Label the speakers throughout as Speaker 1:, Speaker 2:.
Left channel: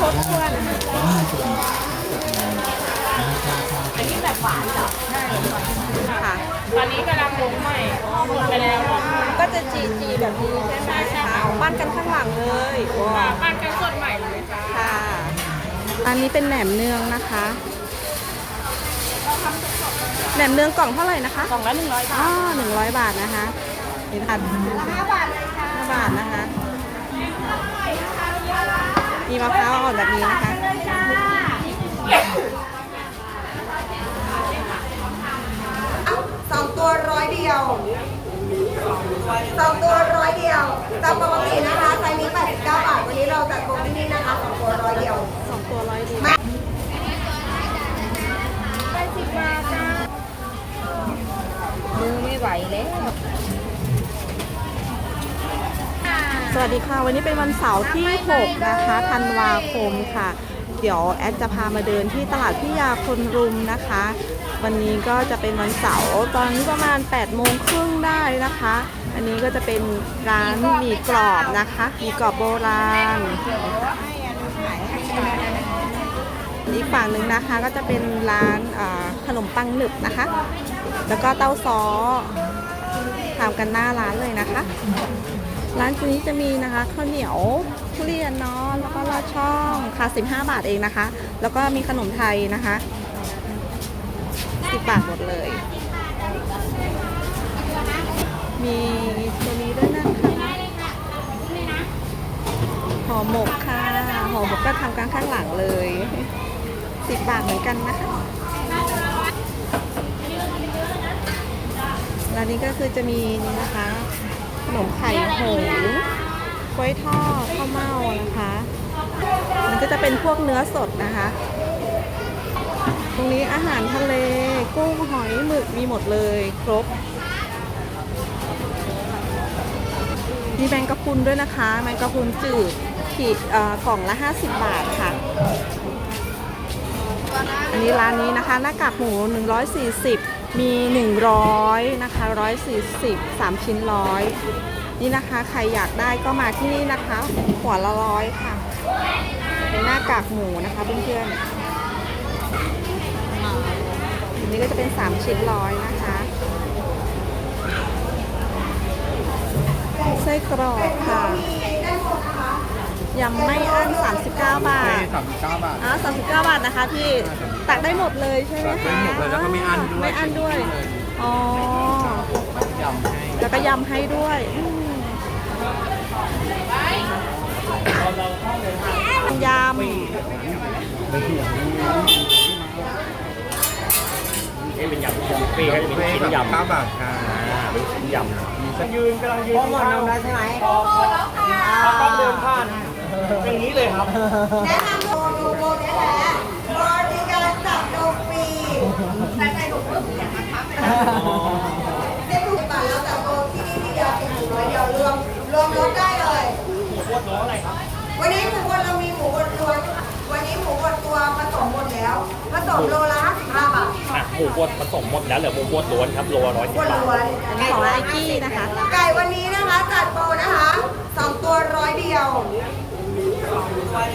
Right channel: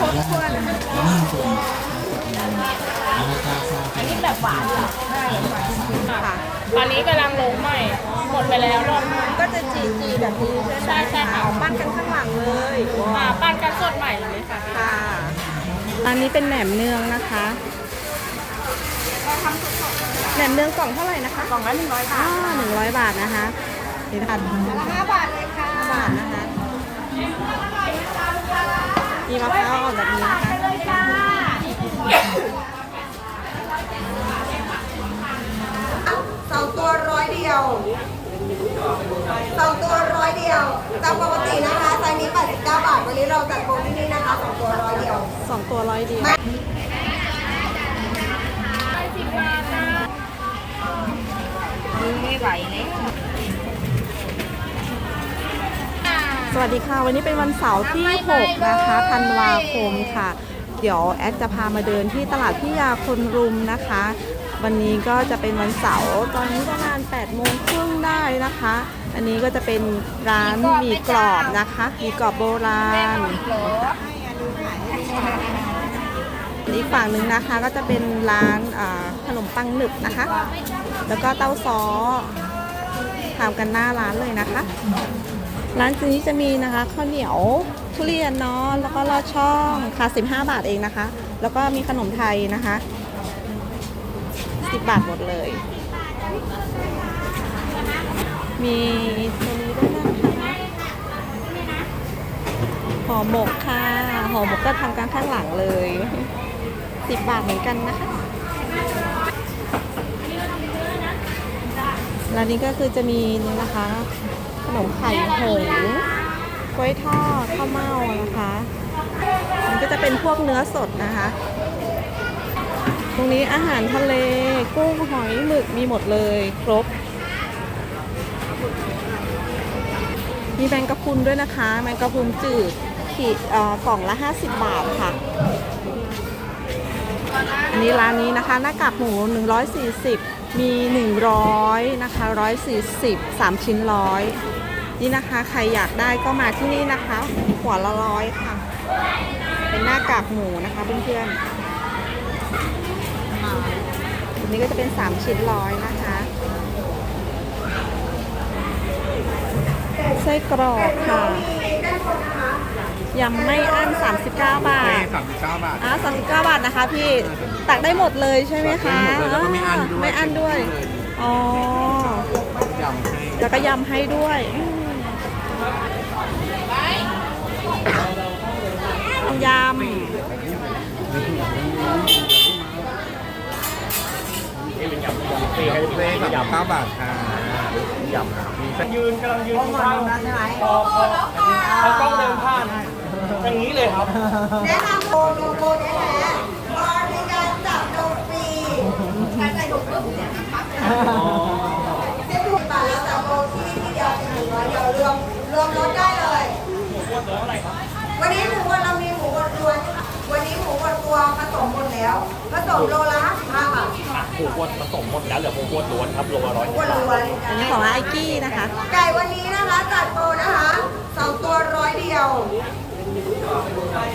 Speaker 1: ครบถ้วนนะคะ
Speaker 2: อันนี้แบบหวานเหรอ
Speaker 1: ใช่หวานๆค่ะ
Speaker 2: อันนี้กำลังลงใหม่หมดไปแล้วรอบหนึ่ง
Speaker 1: ก็จะจีจีแบบนี้ใช่ไหมคะออกปั้นกันข้างหลังเลยว้าว
Speaker 2: ปั้นกันสดใหม่เลยจ้า
Speaker 1: ค่ะ อันนี้เป็นแหนมเนืองนะคะแหนมเนืองกล่องเท่าไหร่นะคะ
Speaker 2: กล่องละหนึ่งร้อย
Speaker 1: อ๋อหนึ่งร้อยบาทนะคะนี่ค่ะ
Speaker 2: ห้าบาทเลยค่ะ
Speaker 1: ห้าบาทนะคะ มีมะพร้าวอ่อนแบบนี้นะคะ
Speaker 3: สองตัวร้อยเดียวสองตัวร้อยเดียวจากปกตินะคะไซส์นี้89บาทวันนี้เราจัดโปรที่นี่นะคะสองตัวร้อยเดียว
Speaker 1: สองตัวร้อยเดียว
Speaker 2: มือไม่ไหวเลย
Speaker 1: สวัสดีค่ะ วันนี้เป็นวันเสาร์ที่ 6 นะคะธันวาคมค่ะ เดี๋ยวแอดจะพามาเดินที่ตลาดพิยาคนรุมนะคะ วันนี้ก็จะเป็นวันเสาร์ตอนนี้ประมาณ8โมงครึ่งได้นะคะ อันนี้ก็จะเป็นร้านหมี่กรอบนะคะหมี่กรอบโบราณอีกฝั่งหนึ่งนะคะก็จะเป็นร้านขนมปังหนึบนะคะ แล้วก็เต้าซ้อทำกันหน้าร้านเลยนะคะ ร้านนี้จะมีนะคะข้าวเหนียวทุเรียนเนาะแล้วก็ลอดช่องค่ะ 15 บาทเองนะคะ แล้วก็มีขนมไทยนะคะ 10 บาทหมดเลย มีตัวนี้ด้วยนะคะห่อหมกค่ะห่อหมกก็ทำกันข้างหลังเลย 10 บาทเหมือนกันนะคะร้านนี้ก็คือจะมีนี่นะคะ นมไข่หงกล้วยทอดข้าวเม่านะคะมันก็จะเป็นพวกเนื้อสดนะคะ ตรงนี้อาหารทะเลกุ้งหอยหมึกมีหมดเลยครบ มีแมงกะพรุนด้วยนะคะ แมงกะพรุนจืดขีดกล่องละ 50 บาทค่ะ อันนี้ร้านนี้นะคะหน้ากากหมู 140 มี 100นะคะ140 3ชิ้นร้อยนี่นะคะ ใครอยากได้ก็มาที่นี่นะคะ หัวละร้อยค่ะ เป็นหน้ากากหมูนะคะเพื่อนๆอันนี้ก็จะเป็น 3 ชิ้นร้อยนะคะไส้กรอกค่ะยำไม่อั้น39 บาท
Speaker 4: สามสิบเก้าบาท
Speaker 1: อ๋อ39 บาทนะคะพี่ ตักได้หมดเลยใช่ไหมคะ
Speaker 4: ตักได้หมดเลยแล้วก็ไม่อั้นด้วย
Speaker 1: ไม่อั้นด้วย อ๋อ
Speaker 4: ยำ
Speaker 1: แล้วก็ยำให้ด้วยอืมยำ
Speaker 4: ปีให้เพื่อนยำเก้าบาทค่ะ
Speaker 5: ยืนกำลังยืนอยู่ข้างใช่ไหมพอพอพอกล้องเดินผ่านอย่างนี้เลยครับ
Speaker 3: แนะนำโลโลโก้นี่แหละบริการจับนมฟรีใช้ใส่ถุงมือเนี่ยจะถูกบาทแล้วจับโลที่นี่เดียวหนึ่งร้อยเดียวรวมรวมลดได้เลยวันนี้หมูบดเรามีหมูบดรวนวันนี้หมูบดตัวผสมหมด แล้วผสมโลละ55บาท
Speaker 5: หมูบดผสมหมดแล้วเหลือหมูบดล้วนครับโลละร้อย
Speaker 3: หมูบดล้วน
Speaker 1: อันนี้ของไอกี้นะคะ
Speaker 3: ไก่วันนี้นะคะจัดโปรนะคะสองตัวร้อยเดียว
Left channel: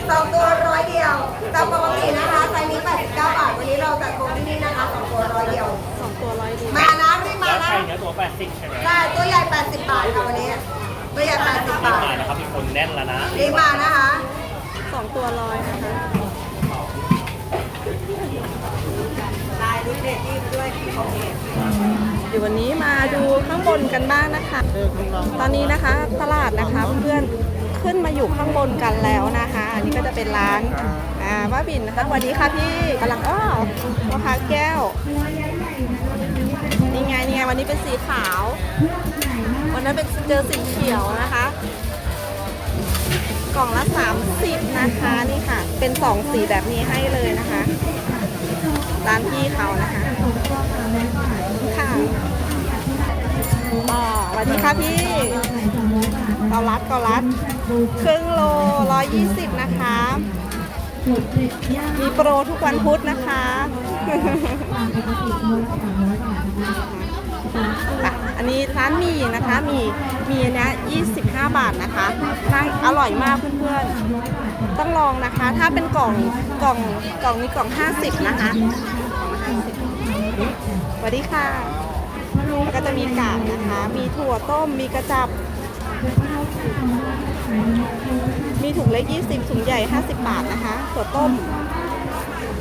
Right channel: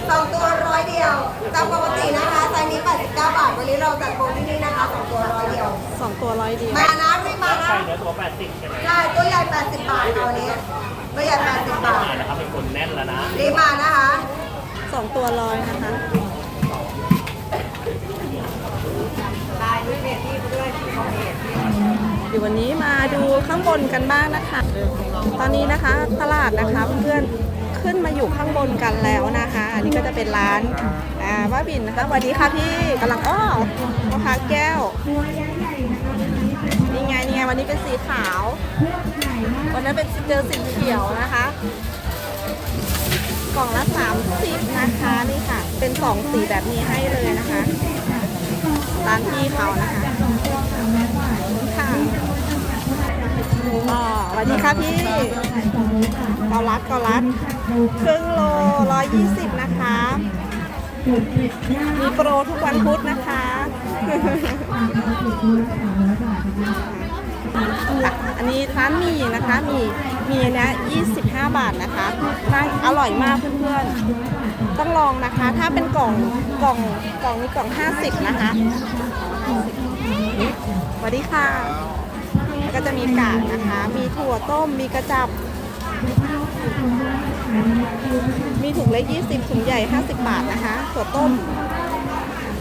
Speaker 3: สองตัวร้อยเดียวจากปกตินะคะไซส์นี้89บาทวันนี้เราจัดโปรที่นี่นะคะสองตัวร้อยเดียว
Speaker 1: สองตัวร้อยเดียว
Speaker 3: มานะรีบมานะ
Speaker 5: ใช่เนื้อตัวแปดสิบใช่ไหม
Speaker 3: ใช่ตัวใหญ่ 80 บาทค่ะวันนี้ตัวใหญ่80บาท
Speaker 5: ใช่แล้วครับเป็นคนแน่นแล้วนะ
Speaker 3: รีบมานะคะ
Speaker 1: สองตัวร้อยนะคะ เดี๋ยววันนี้มาดูข้างบนกันบ้างนะคะ ตอนนี้นะคะตลาดนะคะเพื่อนๆขึ้นมาอยู่ข้างบนกันแล้วนะคะ อันนี้ก็จะเป็นร้านอ่าว่าบินนะคะสวัสดีค่ะพี่กำลังอ้อพ่อค้าแก้วนี่ไงนี่ไงวันนี้เป็นสีขาว วันนั้นเป็นเจอสีเขียวนะคะ กล่องละ 30 นะคะนี่ค่ะ เป็นสองสีแบบนี้ให้เลยนะคะร้านพี่เขานะคะ วัสดีค่ะพี่เกาลัดเกาลัดครึ่งโล120นะคะมีโปรทุกวันพุธนะคะค่ะอันนี้ร้านหมีนะคะ มีมีเนี้ย25บาทนะคะน่าอร่อยมากเพื่อนๆ ต้องลองนะคะ ถ้าเป็นกล่องกล่องกล่องนี้กล่อง50นะคะกล่องละสวัสดีค่ะ ก็จะมีกากนะคะ มีถั่วต้ม มีกระจับ มีถุงเล็ก 20 ถุงใหญ่ 50 บาทนะคะ ถั่วต้ม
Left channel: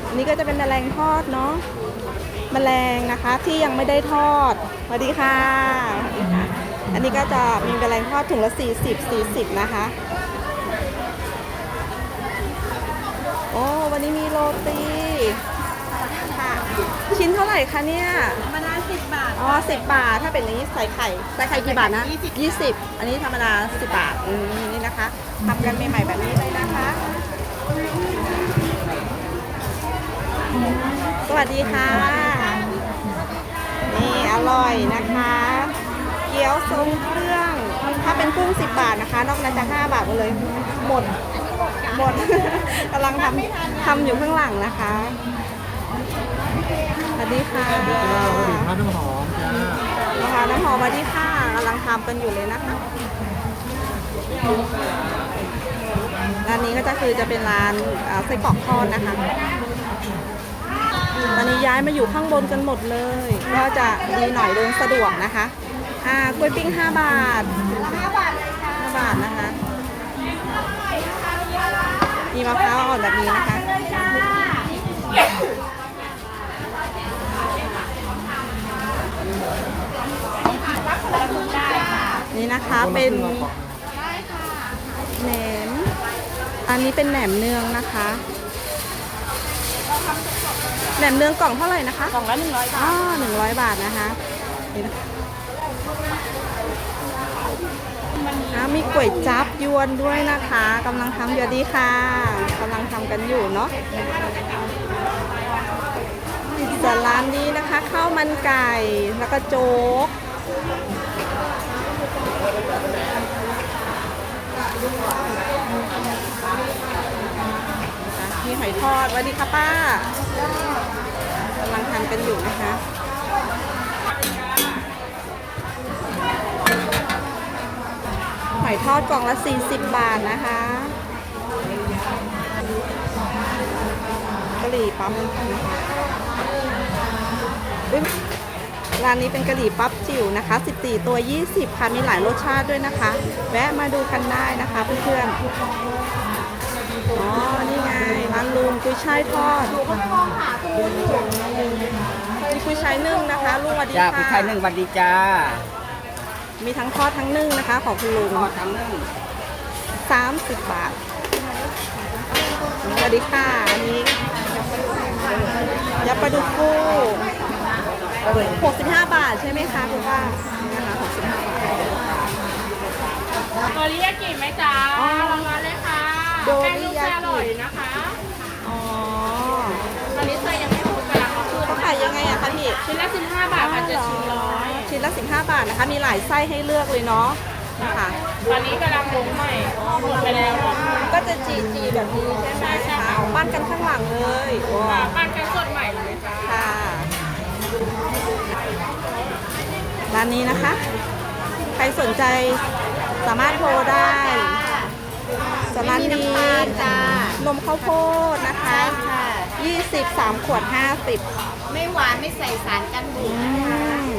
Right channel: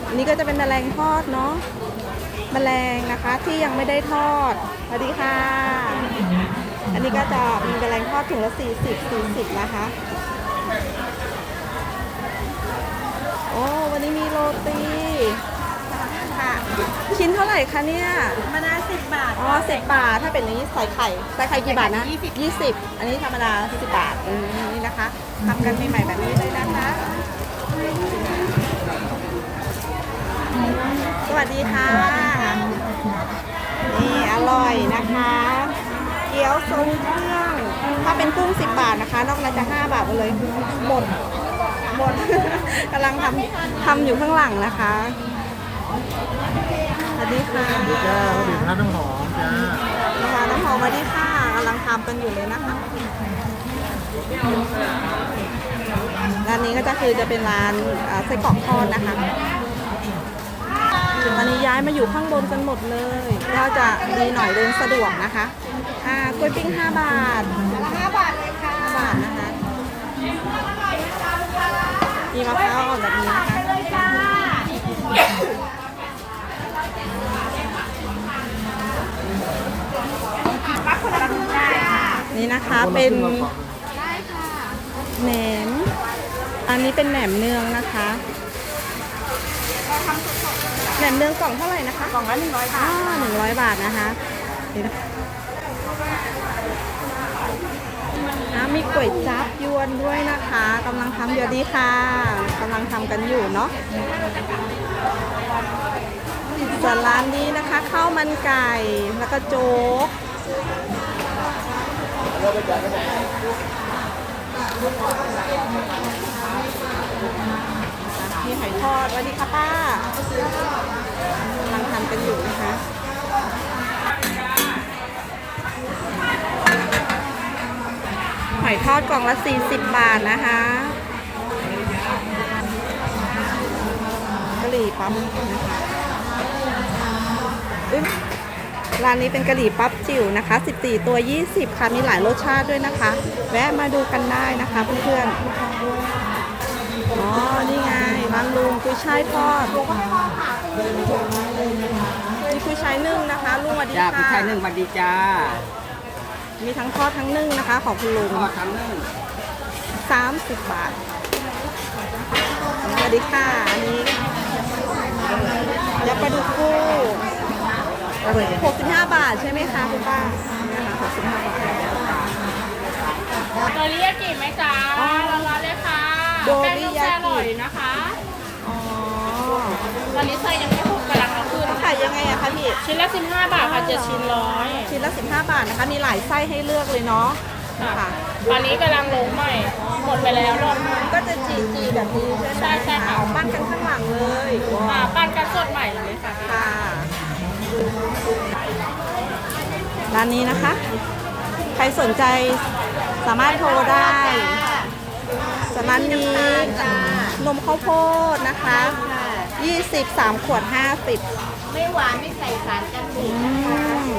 Speaker 1: อันนี้ก็จะเป็นแมลงทอดเนาะ แมลงนะคะที่ยังไม่ได้ทอด สวัสดีค่ะ อันนี้ก็จะมีแมลงทอดถุงละ 40 40 นะคะ โอ้ วันนี้มีโรตี ค่ะ ชิ้นเท่าไหร่คะเนี่ย
Speaker 2: ธรรมดาสิบบาท
Speaker 1: อ๋อสิบบาท ถ้าเป็นอย่างนี้ใส่ไข่ ใส่ไข่กี่บาทนะยี่สิบอันนี้ธรรมดาสิบบาทอืมนี่นะคะทำกันใหม่ๆแบบนี้เลยนะคะ สวัสดีค่ะ นี่อร่อยนะคะ เกี๊ยวทรงเครื่อง ถ้าเป็นกุ้ง10บาทนะคะ นอกนั้นจะ5บาทหมดเลย หมด หมด กำลังทำทำอยู่ข้างหลังนะคะส วัสดีค่ะ
Speaker 4: จ้าแล้วถึงน้ำน้ำหอมจ้า
Speaker 1: นะคะน้ำหอมสวัสดีค่ะกำลังทำกันอยู่เลยนะคะร้านนี้ก็จะคือจะเป็นร้านอ่าไส้กรอกทอดนะคะ ตอนนี้ย้ายมาอยู่ข้างบนกันหมดเลย ก็จะดีหน่อยเดินสะดวกนะคะอ่ากล้วยปิ้ง5บาท5บาทเลยค่ะ5บาทนะคะมีมะพร้าวอ่อนแบบนี้นะคะ นี่นะคะเป็นแหนม อันนี้เป็นแหนมเนืองนะคะแหนมเนืองกล่องเท่าไหร่นะคะ
Speaker 2: กล่องละหนึ่งร้อยบาท
Speaker 1: อ๋อหนึ่งร้อยบาทนะคะนี่นะอ่ามีก๋วยจับยวนด้วยนะคะกำลังทำอยู่ดีค่ะกำลังทำกันอยู่เนาะส่วนร้านนี้นะคะข้าวมันไก่แล้วก็โจ๊ก มีหอยทอดสวัสดีค่ะป้ากำลังทำกันอยู่นะคะหอยทอดกล่องละ 40 บาทนะคะกะหรี่ปั๊บนะคะอุ๊ย ร้านนี้เป็นกะหรี่ปั๊บจิ๋วนะคะ 14 ตัว 20 ค่ะ มีหลายรสชาติด้วยนะคะ แวะมาดูกันได้นะคะเพื่อนๆ อ๋อ นี่ไง ร้านลุงกุยช่ายทอด นี่กุยช่ายนึ่งนะคะ ลุงสวัสดี
Speaker 5: จ้า
Speaker 1: ค่ะ
Speaker 5: ผู้ชายหนึ่งสวัสดีจ้า
Speaker 1: มีทั้งทอดทั้งนึ่งนะคะ ของคุณลุง
Speaker 5: ทอดทั้งนึ่ง
Speaker 1: 30 บาท สวัสดีค่ะ อันนี้ยำปลาดุกฟู 65 บาทใช่ไหมคะคุณป้านี่นะคะ65 บาท
Speaker 2: โดริยากิไหมจ๊ะ
Speaker 1: อ๋อ
Speaker 2: ร้อนๆเลยค่ะ
Speaker 1: โดริยากิ
Speaker 2: แป้งนุ่มอร่อยนะคะ
Speaker 1: อ๋อ
Speaker 2: ตอนนี้ไส้ยังไม่ถูกกำลังเอาขึ้น
Speaker 1: เขาขายยังไงอะคะพี่
Speaker 2: ชิ้นละสิบห้าบาทค่ะจะชิ้นร้อย
Speaker 1: ชิ้นละ15 บาทนะคะ มีหลายไส้ให้เลือกเลยเนาะนี่ค่ะ
Speaker 2: ตอนนี้กำลังลงใหม่หมดไปแล้วรอบหนึ่ง
Speaker 1: ก็จะจีจีแบบนี้ใช่ไหม
Speaker 2: ใช่ใช่
Speaker 1: คะออกปั้นกันข้างหลังเลยว้า
Speaker 2: อ่าวปั้นกัน
Speaker 1: ร้านนี้นะคะ ใครสนใจสามารถโทรได้ส่วนร้านนี้นมข้าวโพดนะคะ 20 3ขวด 50
Speaker 2: ไม่หวานไม่ใส่สารกันบู
Speaker 1: อื
Speaker 2: ด
Speaker 1: ม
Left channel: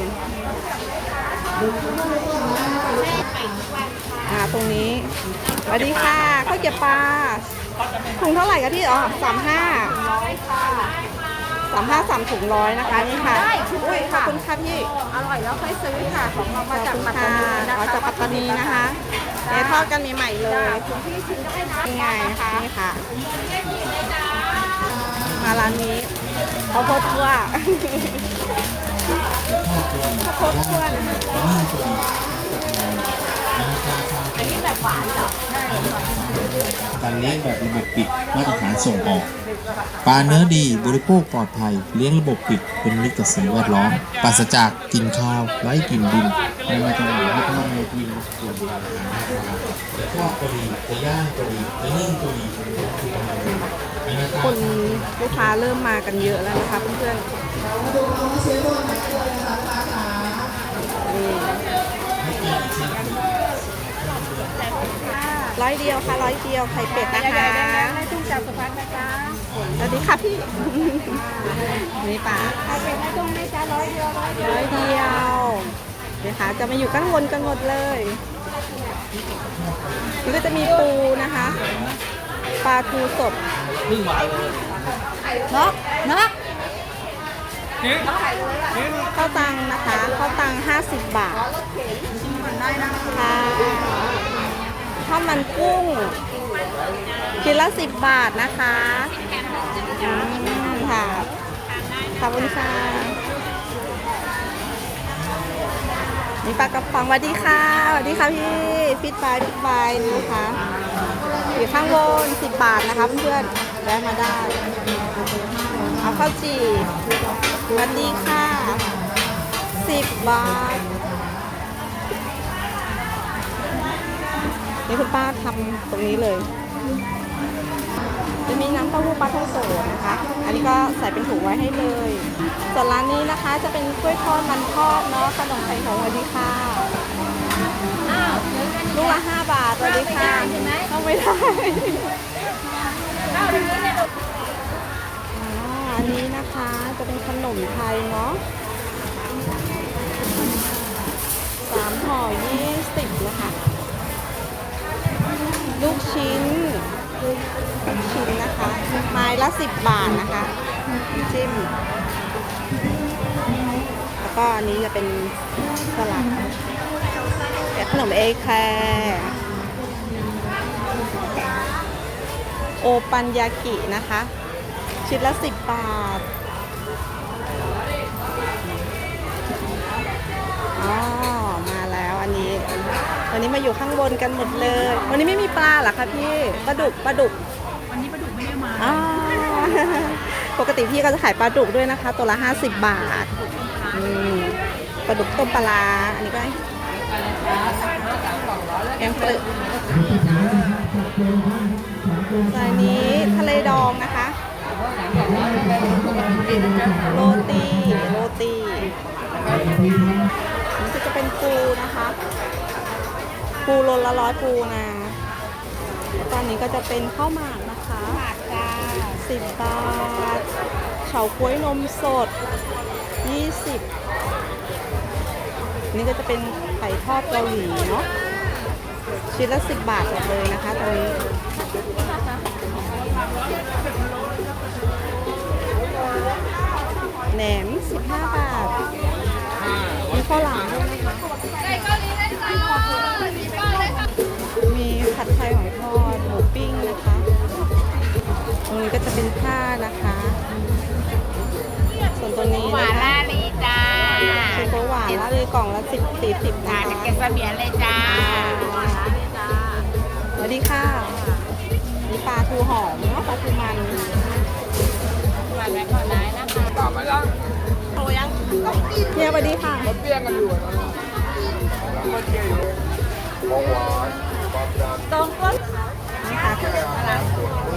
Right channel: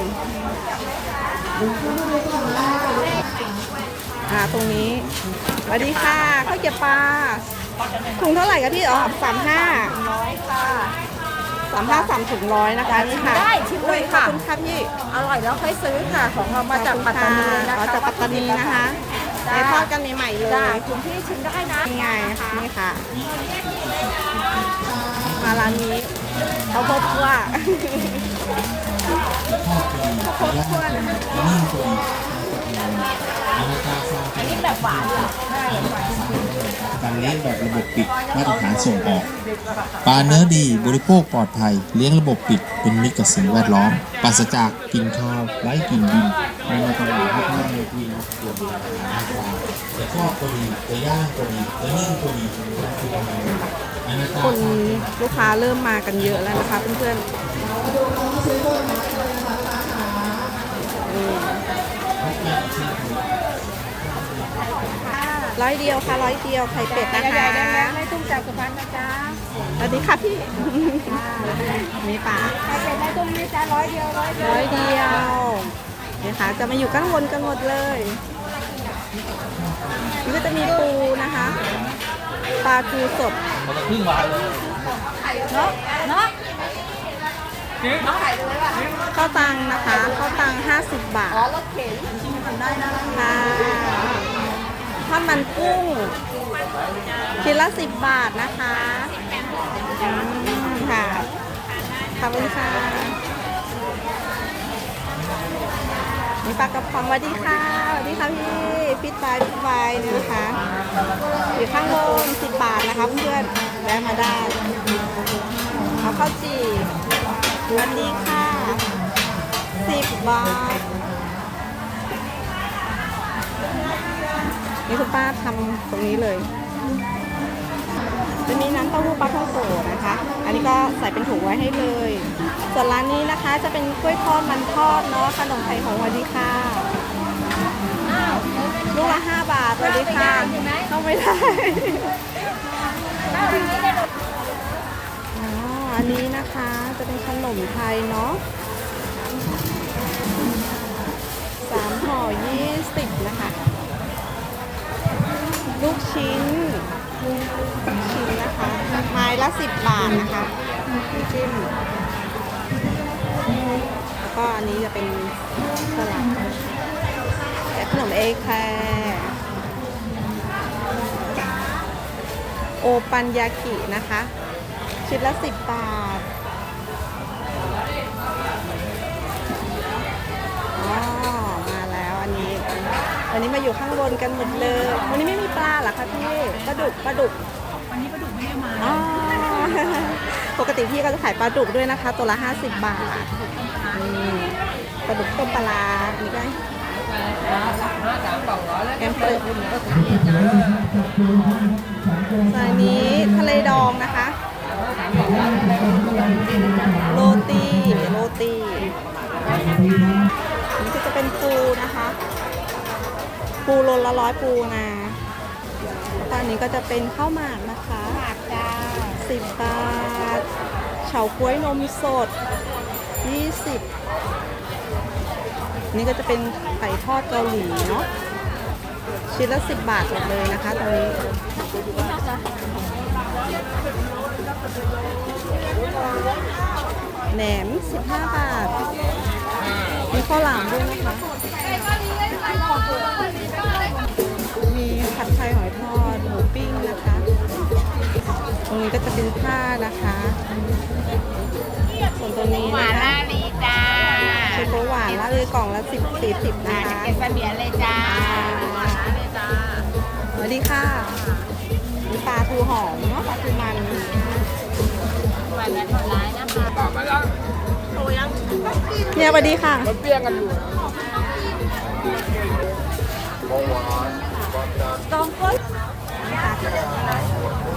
Speaker 1: อ่าตรงนี้สวัสดีค่ะข้าวเกรี๊ยวปลาถุงเท่าไหร่คะพี่ อ๋อสามห้า สามห้าสามถุงร้อยนะคะ นี่ค่ะอุ้ยขอบคุณค่ะพี่
Speaker 2: อร่อยแล้วค่อยซื้อค่ะของเรา
Speaker 1: ข
Speaker 2: มา
Speaker 1: อบ
Speaker 2: จาก
Speaker 1: คุณ
Speaker 2: ปัต
Speaker 1: ค่ะ
Speaker 2: ตานีนะ
Speaker 1: อ๋อ
Speaker 2: คะ
Speaker 1: จากปัตตานีนะคะเดี๋ยวทอดกันใหม่ๆเลย
Speaker 2: คุณพี่ชิมได้นะ
Speaker 1: นี่ไง นี่ค่ะ มาร้านนี้ข้าวโพดคั่วข้าวโพดคั่วนะคะ
Speaker 6: การเลี้ยงแบบระบบปิดมาตรฐานส่งออก ปลาเนื้อดีบริโภคปลอดภัย เลี้ยงระบบปิดเป็นมิตรกับสิ่งแวดล้อมปราศจากกลิ่นข้าวไร้กลิ่นดินในมาตรฐานพัฒนาในทีมส่วนจะทอดก็ดีจะย่างก็ดีจะนึ่งก็ดีคือประมาณนี้ค
Speaker 1: นลูกค้าเริ่มมากันเยอะแล้วนะคะเพื่อนๆนี่ ร้อยเดียวค่ะร้อยเดียวไข่เป็ดนะคะ
Speaker 3: ให้ตุ้งจับสะพานนะจ๊ะ
Speaker 1: สวัสดีค่ะพี่นี่ป่า
Speaker 3: ให้เป็นให้ตุ้งนะจ๊ะร้อยเดียวร้อยเดียว
Speaker 1: ร้อยเดียวนี่ค่ะจะมาอยู่ข้างบนกันหมดเลยนี่ก็จะมีปูนะคะ ปลาทูสด
Speaker 3: เนาะเนาะ
Speaker 1: ข้าวตังนะคะข้าวตัง50 บาท
Speaker 3: ชิมก่อนได้นะคะ
Speaker 1: ค่ะ ข้าวมันกุ้งชิ้นละ10บาทนะคะอืมค่ะขอบคุณค่ะมีปลากระป๋องสวัสดีค่ะสวัสดีค่ะพี่ฟิตบายฟิตบายนะคะอยู่ข้างบน10บบาทนะคะเพื่อนๆแวะมาได้เอาข้าวจี่สวัสดีค่ะ10บาท นี่คุณป้าทำตรงนี้เลย จะมีน้ำเต้าหู้ปลาท่องโกนะคะ อันนี้ก็ใส่เป็นถุงไว้ให้เลย ส่วนร้านนี้นะคะจะเป็นกล้วยทอดมันทอดเนาะขนมไข่หงสวัสดีค่ะลูกละห้าบาทสวัสดีค่ะเข้าไม่ได้อ๋ออันนี้นะคะจะเป็นขนมไทยเนาะสามห่อยี่สิบนะคะ ลูกชิ้นลูกชิ้นนะคะ ไม้ละสิบบาทนะคะน้ำจิ้มแล้วก็อันนี้จะเป็นสลัดขนมเอแคร์โอปันยากินะคะ ชิ้นละสิบบาทอ๋อมาแล้วอันนี้ วันนี้มาอยู่ข้างบนกันหมดเลย วันนี้ไม่มีปลาเหรอคะพี่ปลาดุกปลาดุก
Speaker 3: วันนี้ปลาดุกไม่ได้มา
Speaker 1: อ๋อปกติพี่ก็จะขายปลาดุกด้วยนะคะ ตัวละ 50 บาทอืมปลาดุกต้มปลาร้าอันนี้ก็แกงเปลือกส่วนอันนี้ทะเลดองนะคะโรตีโรตีนี่ก็จะเป็นปูนะคะ ปูโลละร้อยปูนะแล้วก็อันนี้ก็จะเป็นข้าวหมากนะคะ
Speaker 3: บาทจ้า
Speaker 1: สิบบาท เฉาก๊วยนมสดยี่สิบนี่ก็จะเป็นไข่ทอดเกาหลีเนาะชิ้นละสิบบาทหมดเลยนะคะตรงนี้แหนม 15 บาท มีข้าวหลามด้วยนะคะ ยหอยทอด หมูปิ้งนะคะ ตรงนี้ก็จะเป็นผ้านะคะ ส่วนตัวนี้
Speaker 3: หวา
Speaker 1: นะ
Speaker 3: น
Speaker 1: คะ
Speaker 3: ลาลีจ้า
Speaker 1: เชฟโปหวานละเลยกล่องละสิบสี่สิบนะคะ
Speaker 3: เก็บเสบียนเลยจ้า
Speaker 1: สวัสดีค่ะมีปลาทูหอมเนาะปลาทูมัน
Speaker 3: หวานแบบหวานร้ายนะคะ
Speaker 1: เนี่ยสวัสดีค่ะ
Speaker 5: เปี้ยงกันอยู่อะ
Speaker 1: นี่ ค่ะ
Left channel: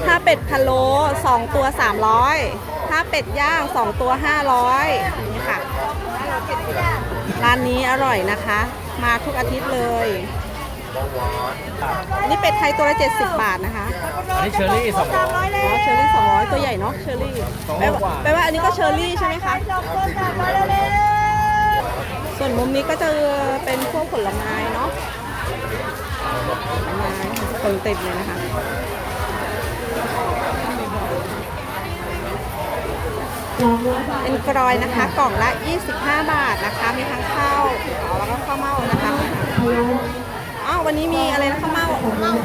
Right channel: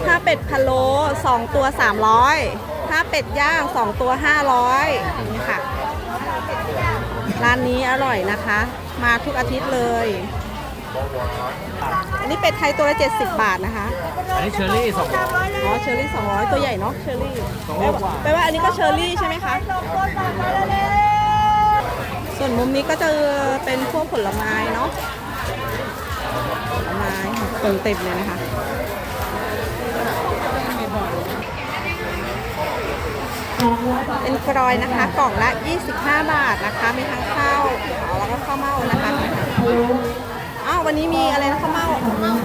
Speaker 1: ถ้าเป็ดพะโล้สองตัวสามร้อยถ้าเป็ดย่างสองตัวห้าร้อยนี่ค่ะ ร้านนี้อร่อยนะคะ มาทุกอาทิตย์เลย อันนี้เป็ดไทยตัวละ70บาทนะคะ
Speaker 5: อันนี้เชอร์รี่สองร้อย
Speaker 1: อ๋อเชอร์รี่200ตัวใหญ่เนาะเชอร์รี่แปลว่าแปลว่าอันนี้ก็เชอร์รี่ใช่ไหมคะส่วนมุมนี้ก็จะเป็นพวกผลไม้เนาะ ผลไม้คนเต็มเลยนะคะเป็นกรอยนะคะ กล่องละ 25 บาทนะคะ มีทั้งข้าวขาวแล้วก็ข้าวเม่านะคะนี่ค่ะอ้าววันนี้มีอะไรนะข้าวเม่า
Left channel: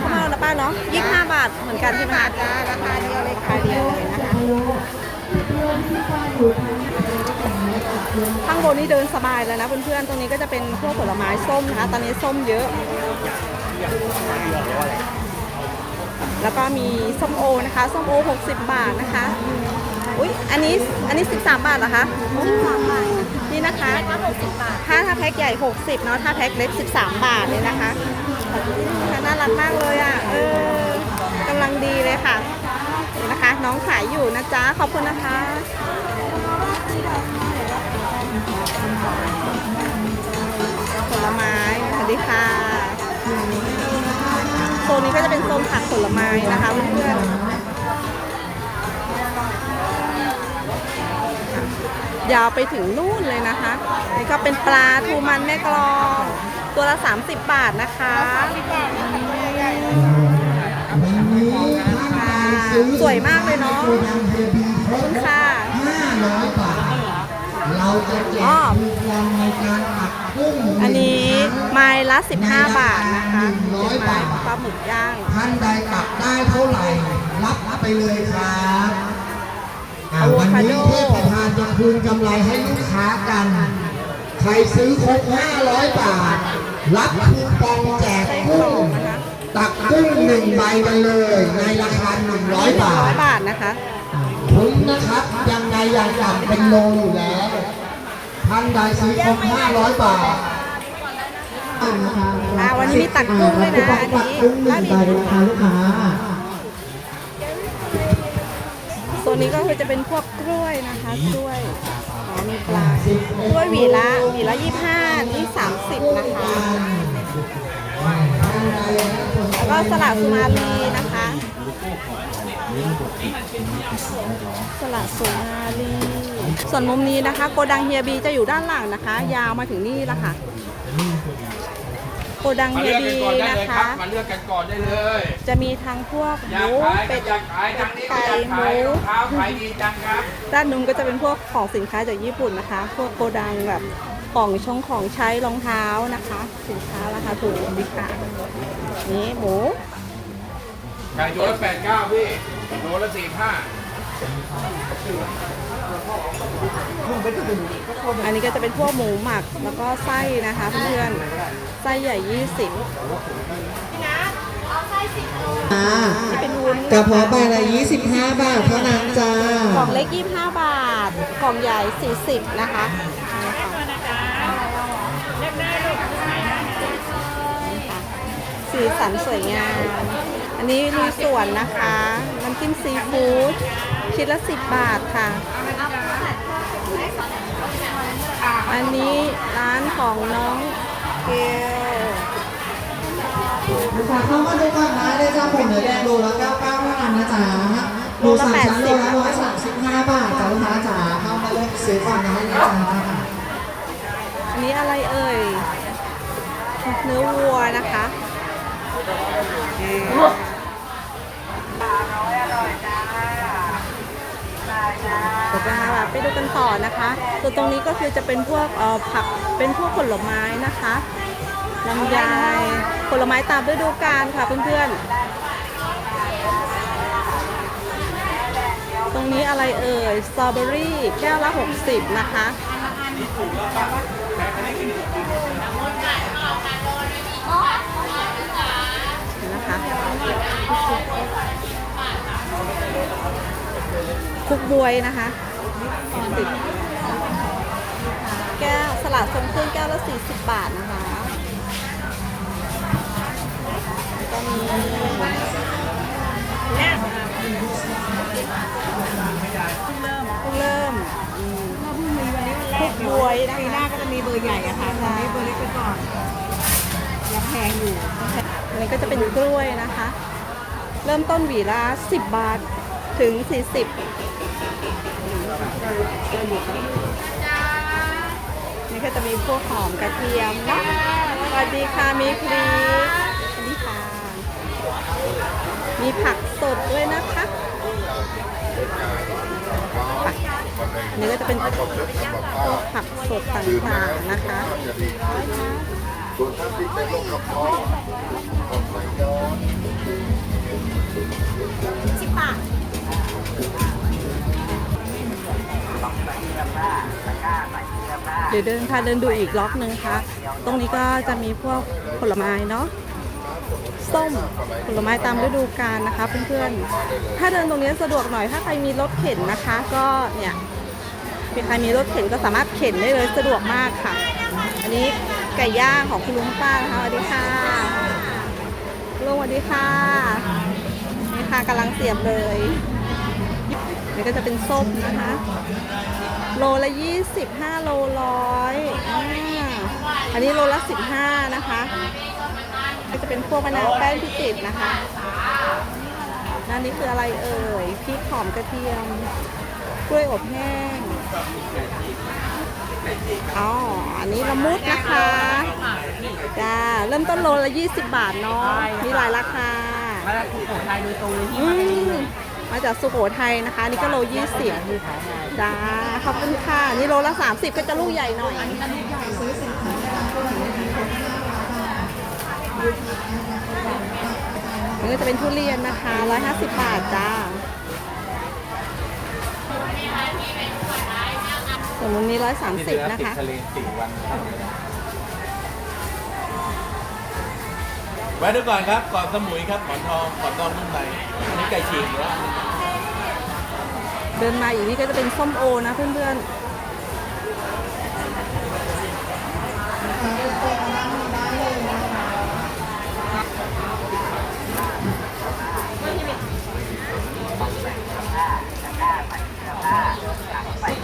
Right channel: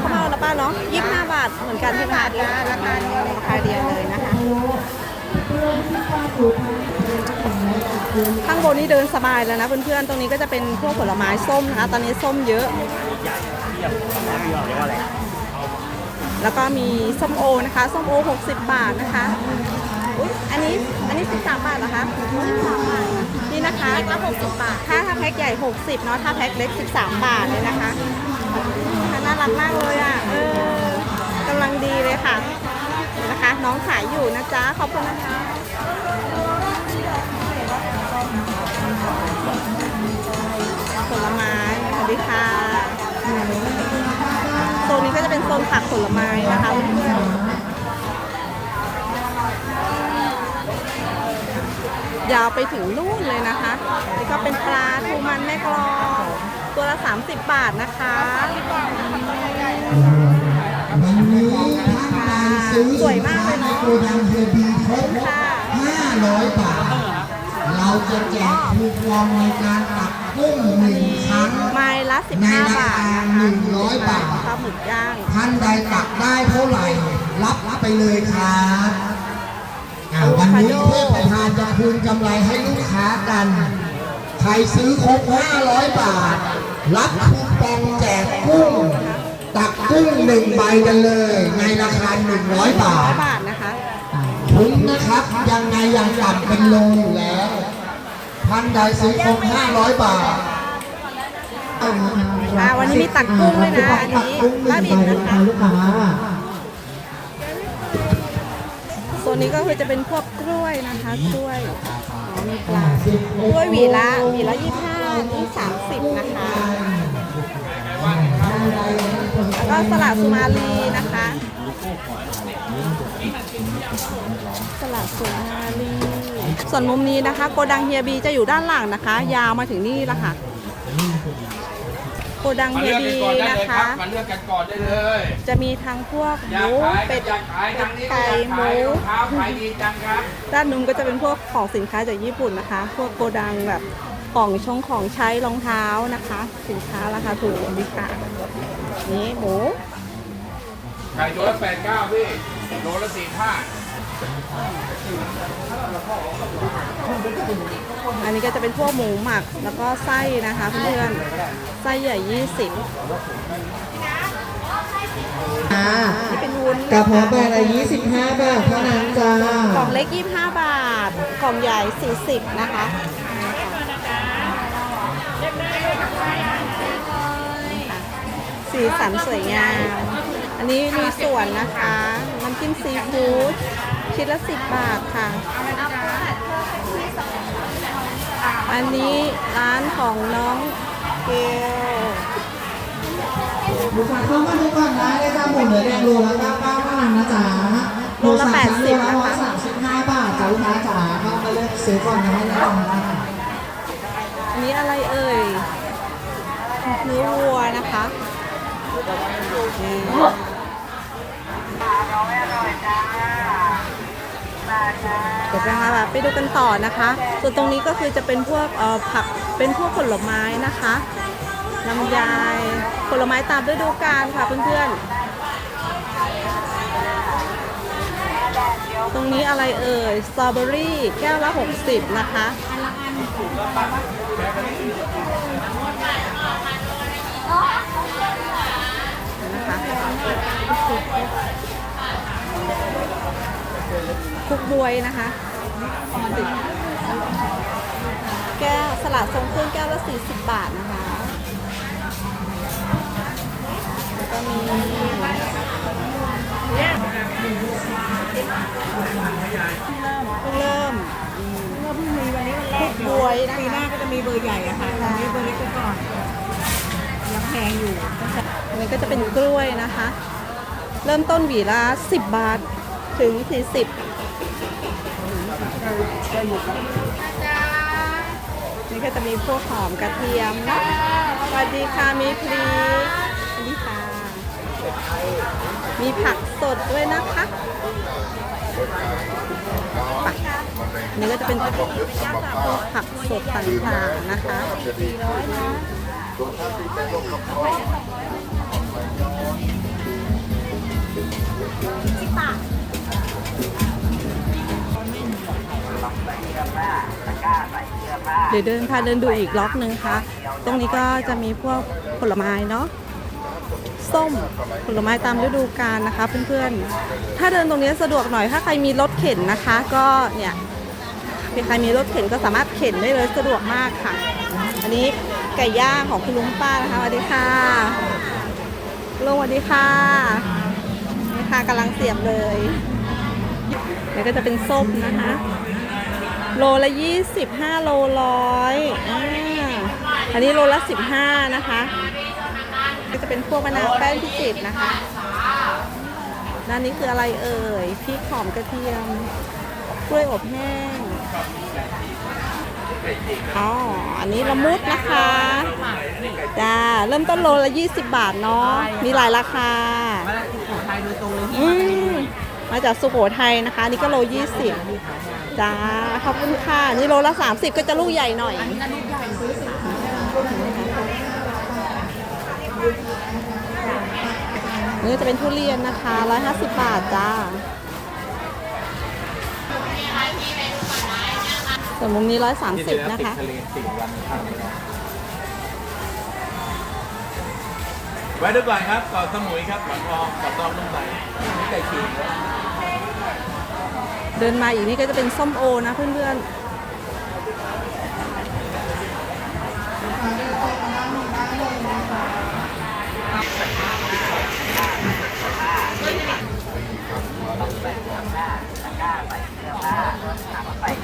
Speaker 1: ข้าวเม่านะป้าเนาะ25 บาทเหมือนกันใช่ไหมคะราคาเดียวเลยนะคะ ข้างบนนี่เดินสบายแล้วนะเพื่อนๆ ตรงนี้ก็จะเป็นพวกผลไม้ส้มนะคะ ตอนนี้ส้มเยอะ แล้วก็มีส้มโอนะคะ ส้มโอ 60 บาทนะคะ อุ๊ยอันนี้ อันนี้ 13 บาทเหรอคะ นี่นะคะถ้าถ้าแพ็คใหญ่ 60 เนาะ ถ้าแพ็คเล็ก 13 บาทเลยนะคะค่ะน่ารักมากเลยอะ เออกำลังดีเลยค่ะนี่นะคะ น้องขายอยู่นะจ๊ะ ขอบคุณนะคะผลไม้สวัสดีค่ะ โซนนี้ก็จะเป็นโซนผักผลไม้นะคะเพื่อนๆยาวไปถึงนู่นเลยนะคะ นี่ก็เป็นปลาทูมันแม่กลอง ตัวละ 30 บาทนะคะค่ะสวยมากเลยเนาะขอบคุณค่ะ
Speaker 3: 500บาทเราจะแจกคูปองในการตัดกุ้ง
Speaker 1: อันนี้ไม้ละ 15 บาทนะคะเป็นไม้ปลาหมึกย่าง
Speaker 3: ท่านใดตัดได้เท่าไหร่รับไปเลยครับอ่าวันนี้เทพประธานจะคืนกำไรให้ลูกค้ากัน ใครซื้อครบ500 บาท รับคูปองแจกกุ้ง ตักกุ้งหนึ่งใบไปเลย ในราคา 100 บาท
Speaker 1: 100 บาทนะคะ
Speaker 3: คุ้มนะครับยังไงยังต่ำเป็นโลอยู่แล้ว ท่านใดซื้อครบ500 บาท
Speaker 1: อ่าวันนี้มีตักกุ้งด้วยนะอันนี้บ้าบินนะคะ
Speaker 3: ลูกค้า
Speaker 1: โซนนี้ก็คือจะเป็นพวกกล้วยนะคะกล้วยอ๋อมีปลากล้วยหวีละหวีละยี่ห้านี่สามสิบนะคะแล้วก็สลัดสุมาลีนะคะสลัดสุมาลี ส่วนมุมนี้นะคะโกดังเฮียบีจะอยู่ด้านหลังนะคะ ยาวมาถึงนี่ละค่ะโกดังเฮียบีนะคะ
Speaker 5: มาเลือกกันก่อนได้เลย
Speaker 1: จะมีทั้งพวกห
Speaker 5: อยาก
Speaker 1: มู
Speaker 5: ขาย
Speaker 1: เป็ด
Speaker 5: อยากขายทางนี้
Speaker 1: ไก่
Speaker 5: อยาก
Speaker 1: ห
Speaker 5: ขาย
Speaker 1: มู
Speaker 5: รองเท้าขายดีจังครับ
Speaker 1: ด้านนู้นก็จะเป็นพวกของสินค้าจากญี่ปุ่นนะคะ พวกโกดังแบบของชงของใช้รองเท้านะคะ สินค้าราคาถูกดีค่ะนี่หมู
Speaker 5: ไก่ตัวละแปดเก้าพี่โลละสี่ห้า
Speaker 1: อันนี้ก็จะเป็นพวกหมูหมักแล้วก็ไส้นะคะเพื่อนๆไส้ใหญ่ 20นี่เป็นวุ้น
Speaker 3: กระ
Speaker 1: นะ
Speaker 3: เพาะ
Speaker 1: คะ
Speaker 3: ใบละ25 บาทเท่านั้นจ้าก
Speaker 1: ล่องเล็ก 25 บาท กล่องใหญ่ 40 นะคะนี่ค่ะสีสันสวยงาม อันนี้มีส่วนนะคะ น้ำจิ้มซีฟู้ด คิดละ10บบาทค่ะ อันนี้ร้านของน้องเกล
Speaker 3: ลูกค้าเข้ามาดูก่อนได้เลยจ้าหมูเนื้อแดงโลละ99เท่านั้นนะจ๊ะ
Speaker 1: โลละ80นะคะ
Speaker 3: 135บาทจ้าลูกค้าจ๋าเข้ามาเลือกซื้อก่อนนะนะจ๊ะ
Speaker 1: อันนี้อะไรเอ่ยเนื้อวัวนะคะอืมเดี๋ยวจะพาไปดูกันต่อนะคะ ส่วนตรงนี้ก็คือจะเป็นพวกผักเป็นพวกผลไม้นะคะลำไยผลไม้ตามฤดูกาลค่ะเพื่อนๆ ตรงนี้อะไรเอ่ยสตรอเบอรี่แก้วละ 60 นะคะ นะคะ คุกบวยนะคะสิบแก้วสลัดทรงเครื่องแก้วละ 40 บาทนะคะแล้วก็มีเพิ่งเริ่มเพิ่งเริ่มอืม
Speaker 2: เพิ่งมีวันนี้วันแร
Speaker 1: คุ
Speaker 2: ก
Speaker 1: กบวยนะ
Speaker 2: ปีหน้า
Speaker 1: คะ
Speaker 2: ก็จะมีเบอร์ใหญ่อะค่ะตอนนี้เบอร์เล็กไปก่อนยังแพงอยู่
Speaker 1: อันนี้ก็จะเป็นกล้วยนะคะ เริ่มต้นหวีละ10 บาทถึง 40 นี่ก็จะมีพวกหอมกระเทียมเนาะสวัสดีค่ะมีพริกสวัสดีค่ะ มีผักสดด้วยนะคะไปนี่ก็จะเป็นพวกผักสดต่างๆนะคะ ดี๋ยวเดินพาเดินดูอีกล็อกหนึ่งค่ะ ตรงนี้ก็จะมีพวกผลไม้เนาะส้มผลไม้ตามฤดูกาลนะคะเพื่อนๆ ถ้าเดินตรงนี้สะดวกหน่อยถ้าใครมีรถเข็นนะคะ ก็เนี่ยใครมีรถเข็นก็สามารถเข็นได้เลยสะดวกมากค่ะ อันนี้ไก่ย่างของคุณลุงป้านะคะสวัสดีค่ะลุงสวัสดีค่ะนี่ค่ะกำลังเสียบเลยนี่ก็จะเป็นส้มนะคะ โลละยี่สิบห้าโลร้อยอ่าอันนี้โลละสิบห้านะคะ ก็จะเป็นพวกมะนาวแป้งพิจิตรนะคะด้านนี้คืออะไรเอ่ยพริกหอมกระเทียม กล้วยอบแห้งอ๋ออันนี้ละมุดนะคะจ้าเริ่มต้นโลละ 20 บาทเนาะมีหลายราคา
Speaker 5: มาจากสุโขทัยโดยตรงเลยที่
Speaker 1: อื
Speaker 5: มาจากนี้
Speaker 1: ม
Speaker 5: เลย
Speaker 1: มาจากสุโขทัยนะคะ นี่ก็โล 20 จ้าขอบคุณค่ะ นี่โลละ 30 ก็จะลูกใหญ่หน่อยนี่จะเป็นทุเรียนนะคะ 150 บาทจ้า ส่วนมุมนี้ 130 นะคะ
Speaker 5: ทะเลสี่วันทำไว้
Speaker 7: ด้วยก่อนครับกรอบสมุยครับหมอนทองกรอทองนุ่มไหลนนี้ไก่ฉีก
Speaker 1: เดินมาอีกนี่ก็จะเป็นส้มโอนะเพื่อนๆ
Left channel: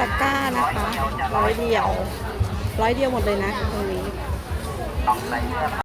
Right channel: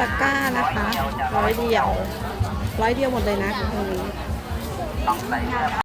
Speaker 1: ตะกร้านะคะร้อยเดียวร้อยเดียวหมดเลยนะตรงนี้